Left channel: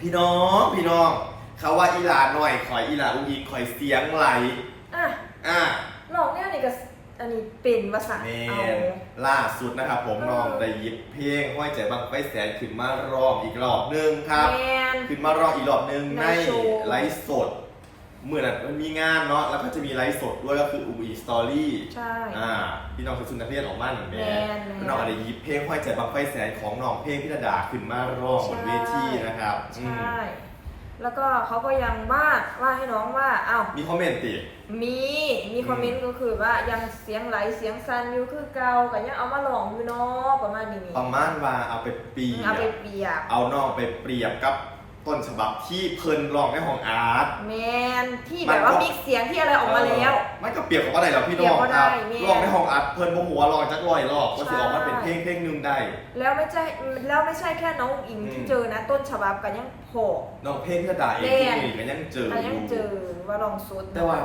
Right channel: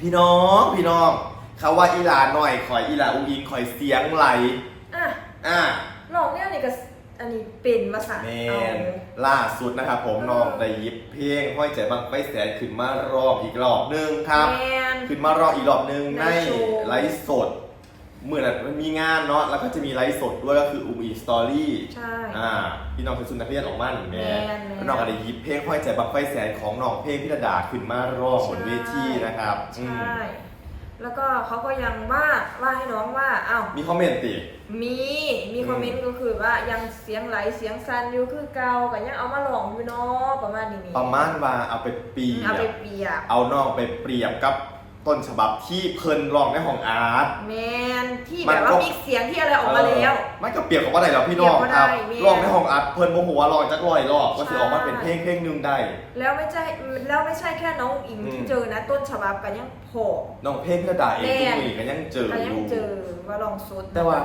พี่น้องพี่น้องเขาว่าอีหลาหน่อยคอยอีหลาอุ้งอิงคอยเสียงไหลอะอะลองเนี่ยนี่ก็อันนี้เป็นภาษาแมเอานล่าสุดนะครับผมเออน้องได้หยิบเพลงห้อยใจบังไฟแสนขึ้นมารอบอีกรอบหนึงครับ แมน ขึ้นมารอบอีกรอบหนึงในในโชว์ ไลฟ์สด เมื่อนั้นมันมีงานเนาะแล้วก็จะมีไลฟ์สดด้วยก็คืออุบีสตอรี่ใช่ อ่าพี่น้องชาวสุนทรเพียนออกมาหนึ่งแม่แม่นแม่นน้องก็ได้หยิบเพลงห้อยใจบังไฟแสนของน้องเพลงพิรดาขึ้นมารอบบนเวทีนะครับอืมใช่ แล้วก็เขาก็ยังว่าว่าให้น้องว่าอ้าวมีคอมเมนต์ติ มีมีคอมเมนต์ก็คือว่ายังเสียงไหลเสียงซันอยู่คือเก่าก็ยังเอามาลองอยู่เนาะประมาณนี้ประมาณว่าเอาไปเปรียเอาไปบเปรียบ เอาน้องไปเปรียบกับ ต้นฉบับที่เพิ่นร้องในห้องอาร์ต แมนที่แบบว่ามีเสียงที่อะไรออกมาแล้วเออมันก็เปรียบกับว่าได้หรอพี่น้องเปรียบบ่คได้รับแม่ร้องในห้องอาร์ตเพิ่นโมโหว่าร้องจักร้อยรอบก็สิออกมาใช่เป็นเพลงเพลงหนึงได้ แล้วไม่ใช่แล้วไม่ใช่แค่น้องอิงอืมที่เจอนะ ต้นฉบับกันยังโผล่ น้องเพลงพิรดาเองแม่ ทุกคนก็ยังเจอกันอยังยู่เจอว่าลองสุดแต่ว่า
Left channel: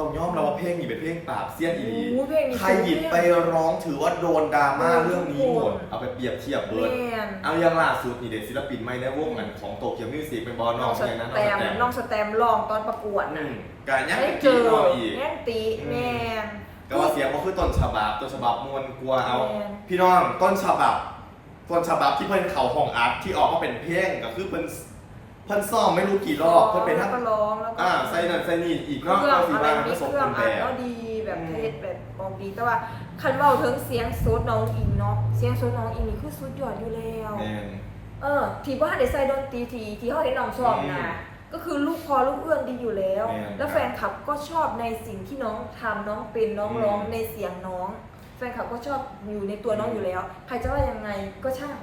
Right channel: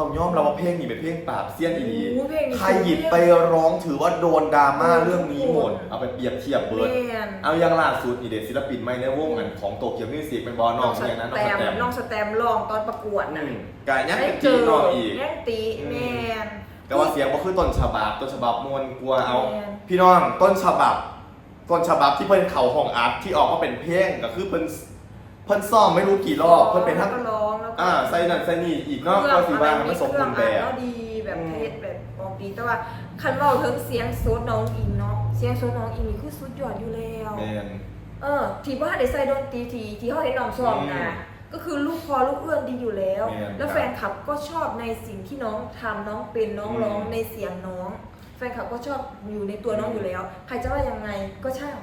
ต้องยอมรับว่าเพลงนี้เป็นเพลงปราบเสี้ยนอีโอ้เพลงนี้ ใครหยิบไปร้องถือว่าโดนดราม่าเรื่องนี้หมด เอาไปเปรียบเทียบเบิร์ด แม่นเอาอย่างล่าสุดนี่เด็กศิลปินไม่ในวงอันของโตเกียวมิวสิกเป็นบอลน้น้อองงสอย่างนั้นแตน้องสมแตมน้องสแตมลองตอนประกวดอืนะมกายยังได้เป็นเจตีอน้องอีก แม่งตีอืม แม่นแต่ว่าเสียงก็คือต้นฉบับต้นฉบับมวลกลัวเอา แม่น พี่น้องต้นฉบับ ต้นฉบับที่เพิ่นเขาห้องอาร์ตที่ออกมาเป็นเพลงก็คือเพิ่นเพิ่นซ่อมไม่รู้กี่รอบเพิ่นเป็นแล้ทั้งวก็ร้องแล้วก็ อ่าใส่นั่นใส่นี่อีกเคเนาะรื่องก็คืออะไรว่ามันมีผสมเครื่บูองรณ์แบอัดบก็ดีแบบอืม เทศแบบออกดีแต่ว่าคันเว่าถึงเสียงโซดน้องอิงเนาะเสียงโซดน้องอิงนี่คือสุดยอดอยู่แล้ว แมน เออที่ว่าได้ใส่ดนตรีทีที่เขาเห็นน้องซ้อมนะก็คือลูกคอลูกเอื้อนดีอยู่แล้วแม่นแล้วแฟนคลับก็ชอบในสิ่งที่น้องทำน้องเป็นน้องอืมร้องในเสียงน้อง แฟนคลับก็ชอบอยู่ในตัวน้องอยู่แล้ว ใครจะว่ายังไงก็ช่าง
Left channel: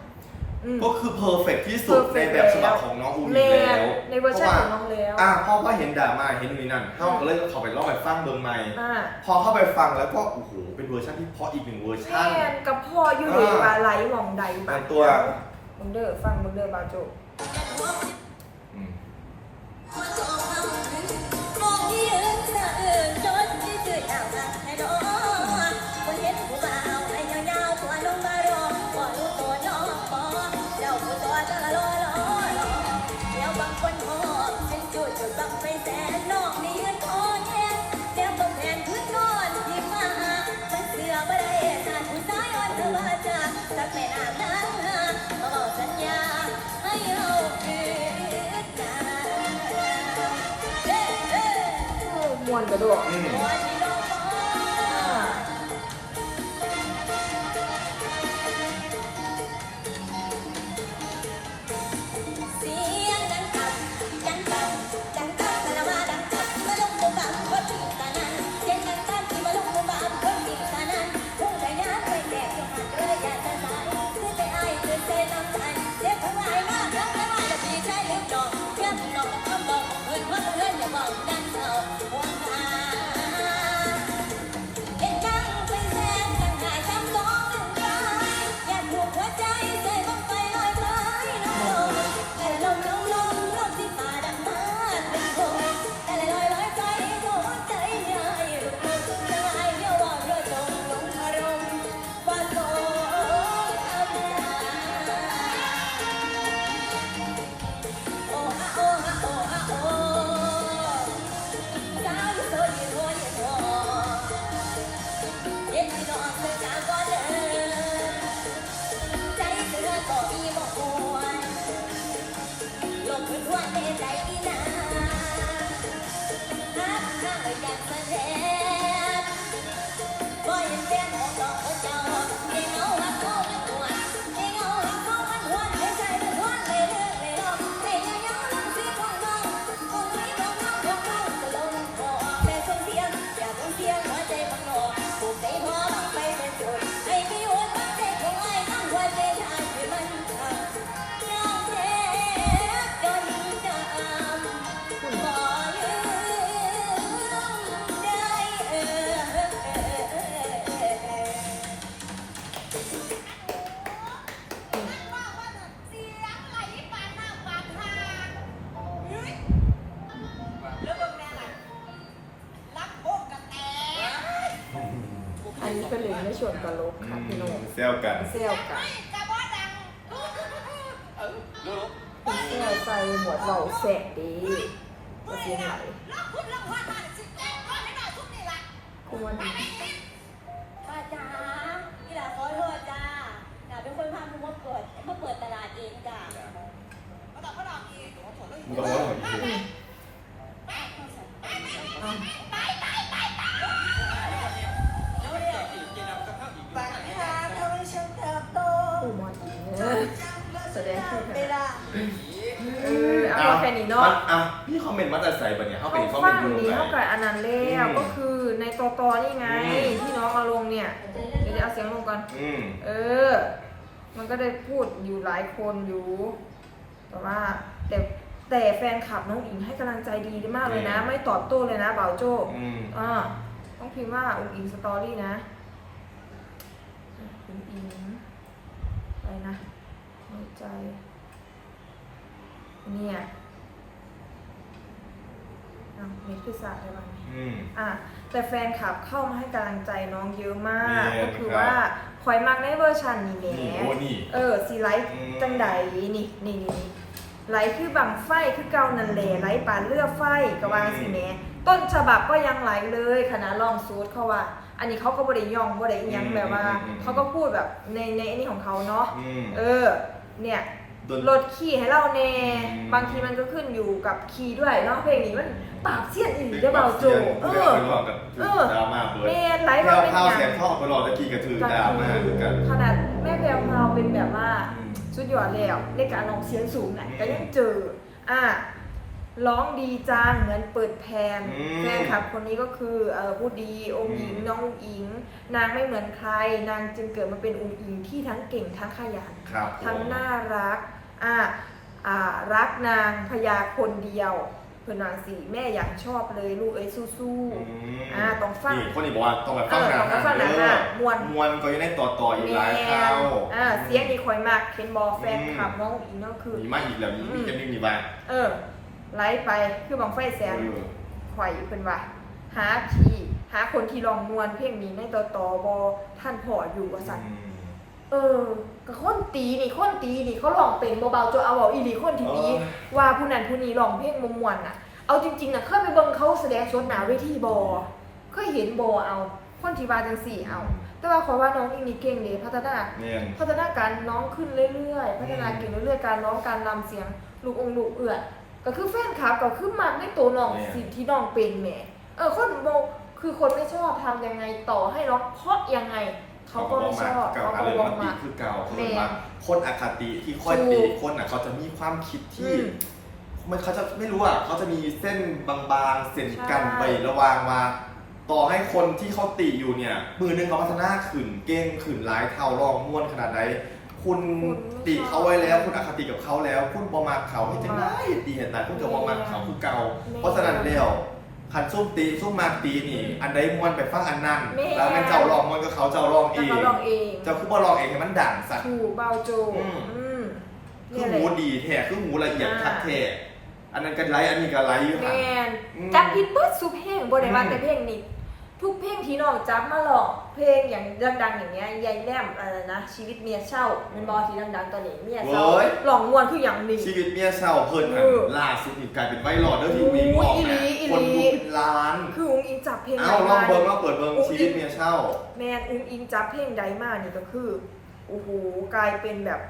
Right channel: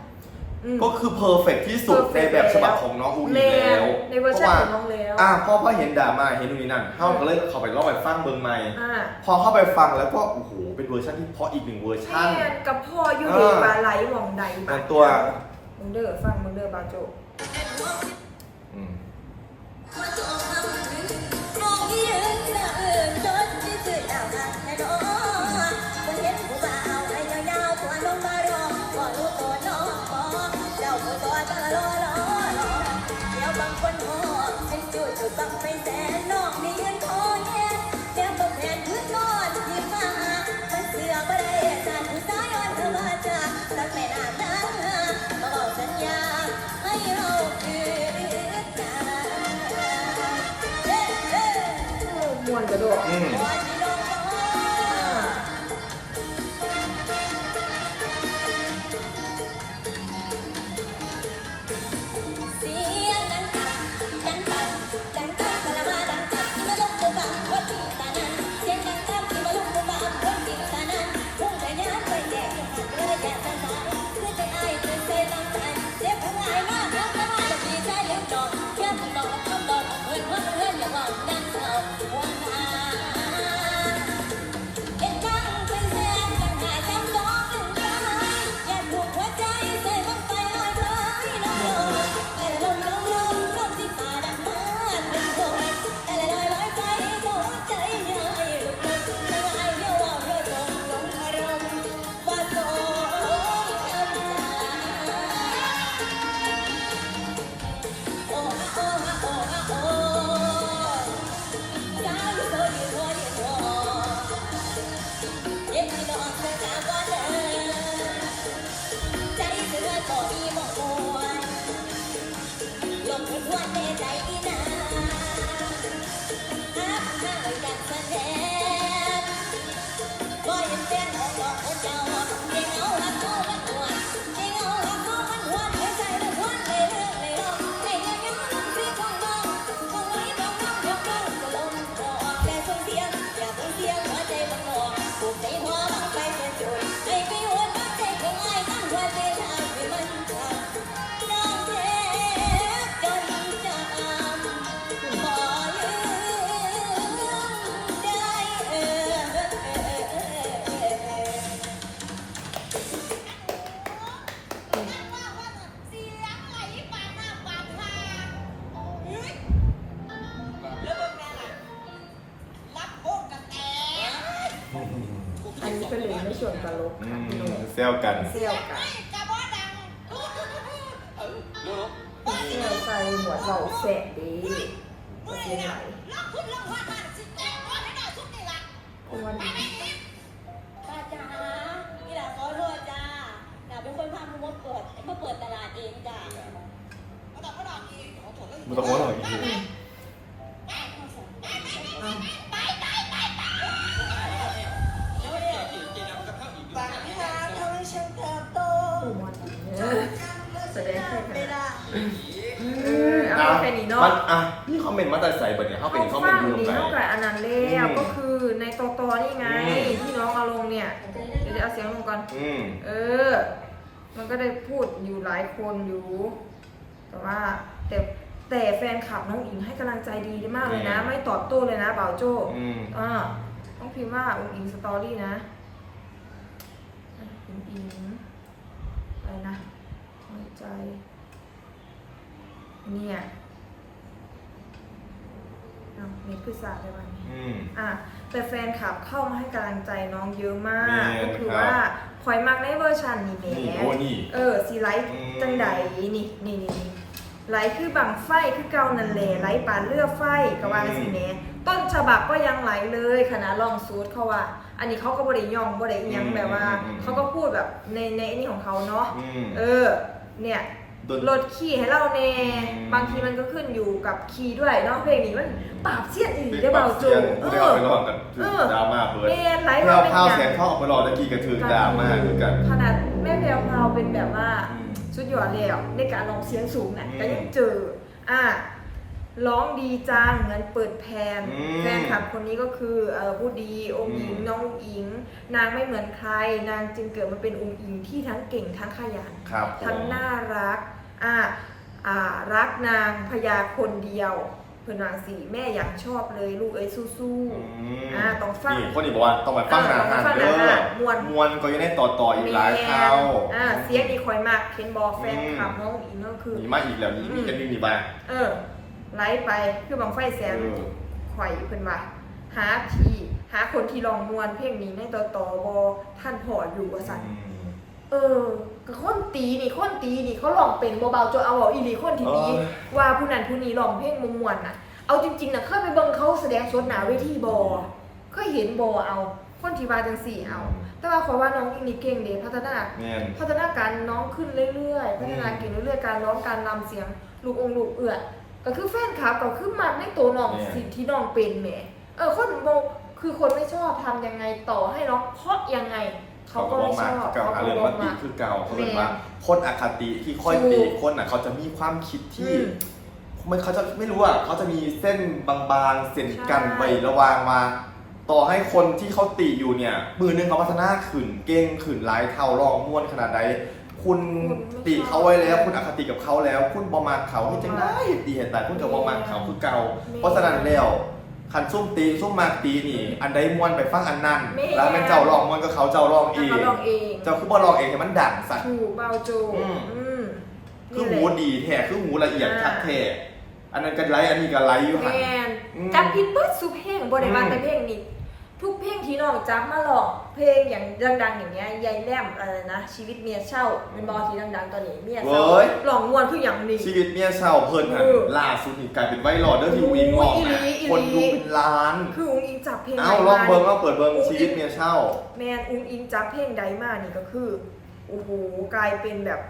อืม ก็คือเพอร์เฟกที่สุด perfect ในแบบฉบับของน้องอูแมอีนแล้วในเวอร์ชันของน้องแล้วอ่าพอพอเห็นดราม่าเห็นนู่นนี่นั่นเขาก็เลยเขาไปลองไปฟังเบิงใหม่ อ่าพอเข้าไปฟังแล้วก็โอ้โหเป็นเวอร์ชันที่เพราะอีกหนึ่งเวอร์ชันแม่นกับพ่ออยู่เอในอปลาไหลหมองใดแต่ตัว มึงเด้อฟังมึงเด้อบาโจอืม จะรอรอรอแล้วบางคนพอฉันจุดจุดบังไปแสนนอกนี่ยืนคอแย่แก้มบอกแทนพื้นนอนที่มามันเสือบ่ได้สานผู้ชายอ่อนเธอว่าจะสักแม่น้ำน้ำมาบอกสัญญาให้เราคืนกันเฮ้เฮ้มวนกระโดด ตลกอืค่ะพี่โน้มเซลกันเซลกันเซลใส่หมวดเราแสกดีก็เสียงไหลเพราะว่าดีป้าจ๋าพี่หลาขอโทษจ้าหลาเป็นคนพาหนูมาเปิดมาเปิดตลาดเองจ้ามันตะโกนหน่อยอีก เออเอาแค่นี้เนาะมันอะนี่คอมเมนต์มาแต่ใส่ปะเนี่ยเขาเป็นเขาคอมเมฟันงต์ดูนี้ใจเท่ากับอันนั้นแล้วอืมก็คือในตอตอนี่ไง อืม ที่น้องเอาลงเนี่ย เดี๋ยวเอาเสียงลงก่อน อืมเออ มันก็ได้พูดอยู่หลายคนอยู่ แต่ว่าแต่แต่แฟนคลับน้องอิงให้กำลังใจดีมากเลยนะ ไม่ตอบโต้เลยนะบ่าวโจ้อืมอ่าต้องพิมพ์ว่าอุ้งอิงสตอรี่นะอะอุ้งอิงอะไรนะหัวใจ เนี่ยเอาเน็ตคือสาดได้บ้างอืม อะแต่แฟนคลับเข้ามาให้กำลังใจน้องเยอะมากนี่ก็คือครับว่าคอยมักในเวอร์ชันนี่แหมนี่โอ้นี่เออสีไลท์อืม จังใดนี่นี่นี่นี่ไลท์คือบังไฟคือเกานันแหละไลท์ปานเลือดไฟกะวางสีแหมต้นฉบับก็ยังไหลเลยขนาดลองซูดเขาว่า อันนี้เขาก็บริย่องบริยังแบบว่า เขาก็พูดแบบในในไอ้นี่ของเขาเนาะ อืม เออ เนี่ยโดน ลดคีย์ให้เราแน่อืม บางทีมันก็ขึ้นอยู่กับคีย์ด้วยเนาะเพลงนี้มันปราบเสี้ยนอีได้เบาจูเอเอออ ไปรอบกันเออดราม่าเบิร์ดแม่ไลฟ์แล้มาวเป็นข้าวอย่างเสียงข้าวไปรอตะกี้กระถือดราม่าเหมือนกัน ขนาดแม่แพรวพราวเป็นแบบว่าอืมสุดยอดแล้วในการร้องเสียงสูงน่ะอืมก็ยังเจออะร้องดีจังเหมือนเปิดแพนอืมแฟนคลับคนนี้ก็คือเออผู้ดีองค์หญิงอืม น้ององค์หญิง นางไม่เหมือนใคร นางจึงเกิดมาเป็นองค์หญิงที่ทั้งเก่งทั้งขยัน ครับผม ทั้งน่ารัก อ่าอ่ารักนางพญาคนเดียวเพื่อนนางสีแม่อยากชอบเลยลูกเอ้ยสู้อืมๆอ่าต้องฟัง นี่คนนี้บอกว่าต้องมาฟังเออหนาต้องมาฟังหนาเด้อมวน มวนก็ยังได้ต่อต่ออีกหลายเท่าอ่าเสียงนี่คอยมากเคนบอแฟนอืมคลับน้องอินก็คือ มีมาอีกแล้วมีอืม มีกันนิ่งนี่บ้างเออไลฟ์ไปคือบังไฟแสนเออ ข่อยเพิ่นว่าหาทีหาคนที่ลองมวนเพลงนี้ในต่อต่อบอท่านพออยู่ว่าสั่นอืม เออก็คนตีนี่คนตีนี่เขาลองเป็นเบาๆจนเอาเอาอีหลีคนที่ตีเออว่าผู้นั้นผู้นี้ลองเพลงมมวนน่ะ เอาจริงๆน่ะเคยไปเบิ่งเขาแสดงสดหนาเวทีบอเคยเห็นบอเอา คนที่ว่าจังสี่เอา แต่ว่าขอยว่าน้องอีนี่เก่งเด้พัฒนาเงี้ยพัฒนาการน้องขึ้นเรื่อยๆ พัฒนาเก่งเรื่อยๆการร้องการรำเสียงลูกองค์ลูกเอื้อนก็คือแฟนคลับก็คือมันในตัวน้องเนี่ยสิ่งที่น้องเป็นแหมเออคนโมคือคนไม่ชอบทำยังไงต่อให้น้องเพราะยังไง เขาก็ไม่ชอบเก่าเขาอาก็รมบณ์อกมันติมา คือเก่าเขาเรียกแม่ว่าคนอคติที่ค่อยถูตีกคนอะเขาจะมีความคิดที่ อืมมันเขาจะไม่รู้อะเขาจะมีเส้นบางๆเส้นกันใช่ไประหวางมา ต่อให้คนที่เขาติอยู่เนี่ยมือหนึงเขาพัฒนาขึ้นเก่งขึ้นหลายเท่าลองม้วนขนาดไหนคุณคุณไม่ติเขาไว้แล้ว ชอบคุณอคติกับเขาแล้ว คุณบอมาเขาให้จะได้ดีเห็นแต่คุณกับบอมาเขาคือเก่าแม่เพราะฉะนั้นแล้ว คันซุ่มตีซุ่มมาตีนี่ อันใดม้วนไปฟังอันนั้นแม่ แล้วเป็นเจ้าลองม้วนก็เขาเจ้าลองเอแล้วง เขาลองเองเจ้าคือบ่ลองเองให้มันดังสัตว์ ถูกเบาโจอืม อืมคือนี่หูแหละ ดีแท้คือหูละเอียดอ่า ชัดแท้อันนั้นก็ไลฟ์อันนี้ก็ไลฟ์อยู่แมหันนอืมจับผิดเบิดสุเพลงบ่ได้ว่าอืมแต่เพลงนี้ ทุกเพลงที่น้องจับมาลองเพลงอย่างดังๆอย่างเงี้ยยายแลมอะไรนะชีวิตเมียเช่าเป็นบอที่ดังๆตอนนี้เมียเช่าเว้ย ลองมวนคืออย่างนี้ ชีวิตเนี่ยเช่าเพิ่นหันเออล่าสุดนี่กลายเป็นไวรัลเด้อที่วีมองอีหลีนะอีหลี คนดูเป็นล้าน คืออุ้งอิงจับเพลงเอ้าใดลองมาเบิ่งนี่เอาเปิดเบิ่งชีวิตเมียเช่า แมนอุ้งอิงจับเพลงใดมานี่ก็คือโอ้โหกลายเป็นแบบ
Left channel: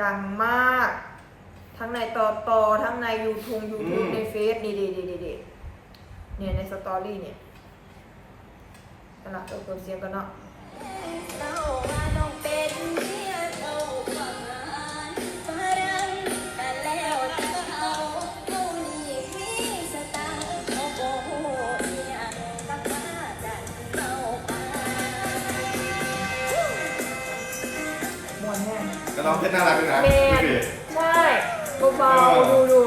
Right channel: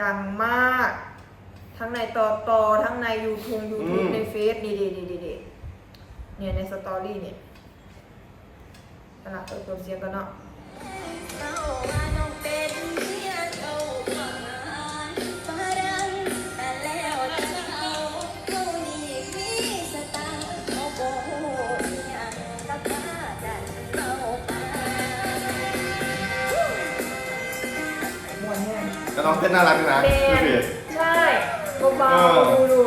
ดังมาก ทั้งในต่อต่อทั้งในยูทูบยูทูบอืม ในเฟซนี่ดีดีดีดีเนี่ยในสตอรี่เนี่ย ขณะเออเพิ่มเสียงกันเนาะเจ้าว่าน้องเป็นเมียเจ้าความงานฝรั่งแต่แล้วแต่เขาเขานี่มีสไตล์เขาบ่ฮู้อิหยังกับมาดันเอาไปมวนแน่แต่น้องเพชรน่ารักด้วยนะแมดูนสิ ใช่เบาเออๆดูดู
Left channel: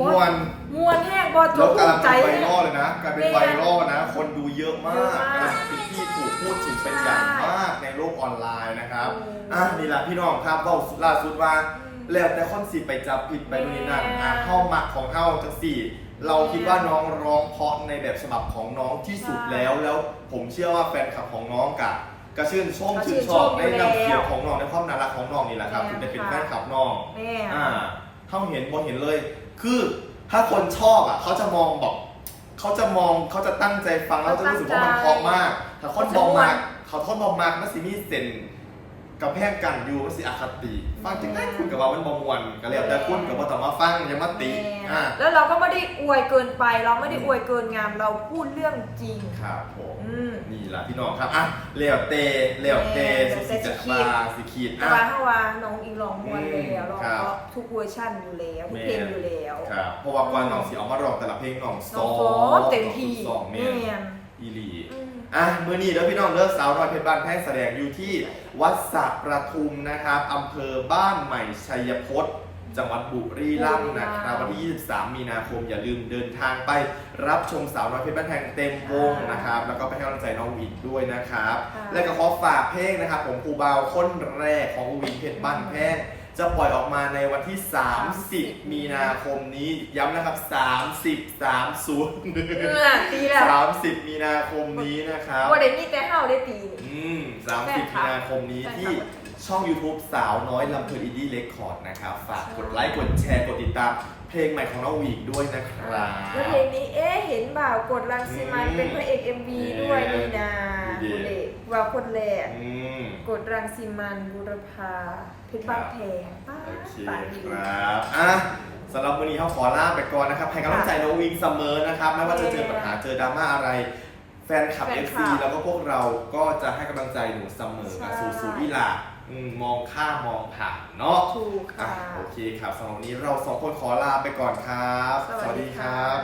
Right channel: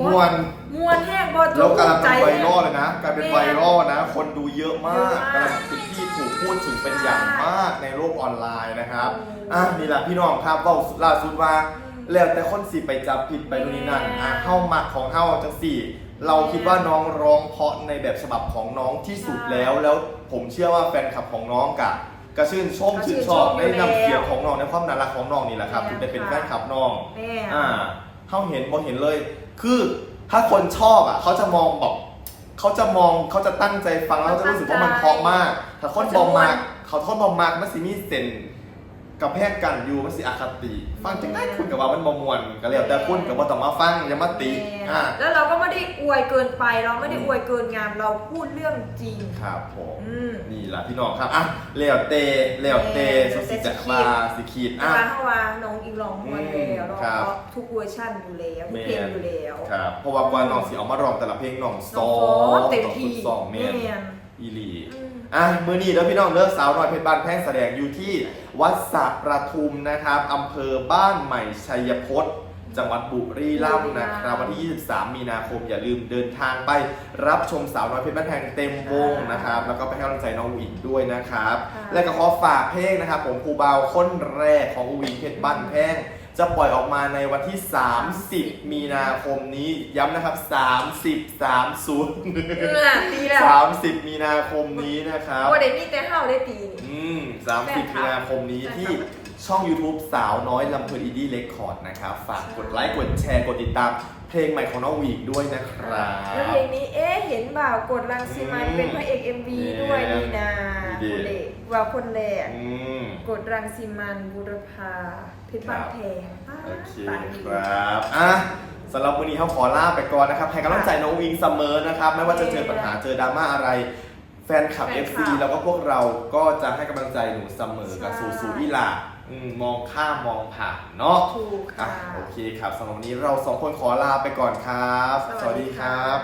มวนมวนแห้งบอโจแล้วกลารใจเป็นไวแห้รัลเลยนะกลารเป็นไวรัลนะ คนดูเยอะมากเยอะมากกำลังเป็นที่ถูกพูดถึงเป็นอย่างมากในโลกออนไลน์นะครับอืมอะนี่แหละพี่น้องครับเว่าล่าสุดว่าอืมแล้วแต่คนสิไปจับผิดไปนู่นนี่นั่นแม่อะเข้าหมักของเข้าจังสี่ เราคิดว่าน้องร้องเพราะในแบบฉบับของน้องที่สุดใช่แล้ว แล้วผมเชื่อว่าแฟนคลับของน้องกับกระชื่นชมก็ชื่ชื่นนชอบชมได้นำอยู่แล้วเสียงของน้องในความน่ารักของน้องนี่แหละครับแม่ถึงได้เป็นค่ะแฟนคลับน้องแม่อ่า เขาเห็นมองเห็นเลย คือถ้าคนชอบอะเขาจะมองแบบเขาจะมองเขาจะตั้งใจฟังแล้วจะรู้สึกว่ามันเพราะมากถ้าคนบอมมากเขาทนบอมมากมันสิมีเซน กับแพงกันอยู่มันสิอคติฟังจังได้คุณกับว่ามันบอมวนก็แล้วแต่คุณกับว่าต้องมาฟังอย่ามาติแม่อ่าแล้วเราก็ไม่ได้อวยเกินไป เราไม่ได้อวยเกินงามเราพูดเรื่องจริงครับผมอืมนี่แหละพี่น้องครับอะเลี้ยวเตเลี้ยวเตแม่สุดสิจะเลี้ยวเตมาสิขีดแต่อะว่าถ้าว่าน้องอีกลองมวนแล้วเราครับก็ทุกเวอร์ชันอยู่แล้วทุกเพลงอยู่แล้วครับเพราะว่ากว่าน้องสิเอามาร้องแต่ละเพลงน้องน้ซ้อองโฟมเต็มที่สองเมแม่นนอีหลี อืมอะมือนี้แล้วพี่น้องเลิกสาวน้อยเพชรบ้านแพงแสดงอยู่ที่วัดสระประทุมนะครับอำเภอบ้านใหม่ชัยพจน์จังหวัดบุรีรัมย์นะครับวันที่ 23 มีนาคมอย่าลืมเดินทางไปรับชมสาวน้อยเพชรบ้านแพงเต็มวงนะครับ แล้วก็ไปให้กำลังใจน้องอุ๋งด้วยนะครับค่ะและก็ขอฝากเพลงนะครับผมครูบาวคนแรกของอุ๋งเพชรบ้านแพง จะปล่อยออกมาในวันที่ 30 มีนาคมนี้ ย้ำนะครับ 30 30เออตีแล้ว30 มีนาคมนี้นะครับ ว่าได้มีแต่เฮาได้ตีนี่ อืม30มีนาคมนี้ที่ช่อง YouTube สาวน้อยลำเพลินอินดี้เรคคอร์ดนะครับ ฝากกดไลค์ กดแชร์ กดติดตาม เพลงใหม่ของน้องวีกด้วยนะครับ แล้วเพลงนี้เอ๊ะเห็นบ่าวกดรังสีมันอืมเป็นพระเอก MV ด้วยนี่นาดีคุณเด็กว่าคนแรกอืม กดรังสีมันบุรพาเพชรบ้านแพงป้าโอเคปังดีครับ อะสำหรับวันนี้เขาขอลาไปก่อนนะครับ ให้กำลังใจน้องวิงเสมอนะครับ ไม่ว่าจะเจอปัญหาเจอดราม่าอะไร แฟนคลับ แฟน FC คลับแล้วก็พวกเราก็จะให้กำลังใจหนูเสมอกับใช่ สู่สู่วิลา อืมมองข้ามมองผ่านเนาะถูกอะค่ะ โอเคครับสำหรับวันนี้เราสองคนขอลาไปก่อนครับ สวัสดีครับ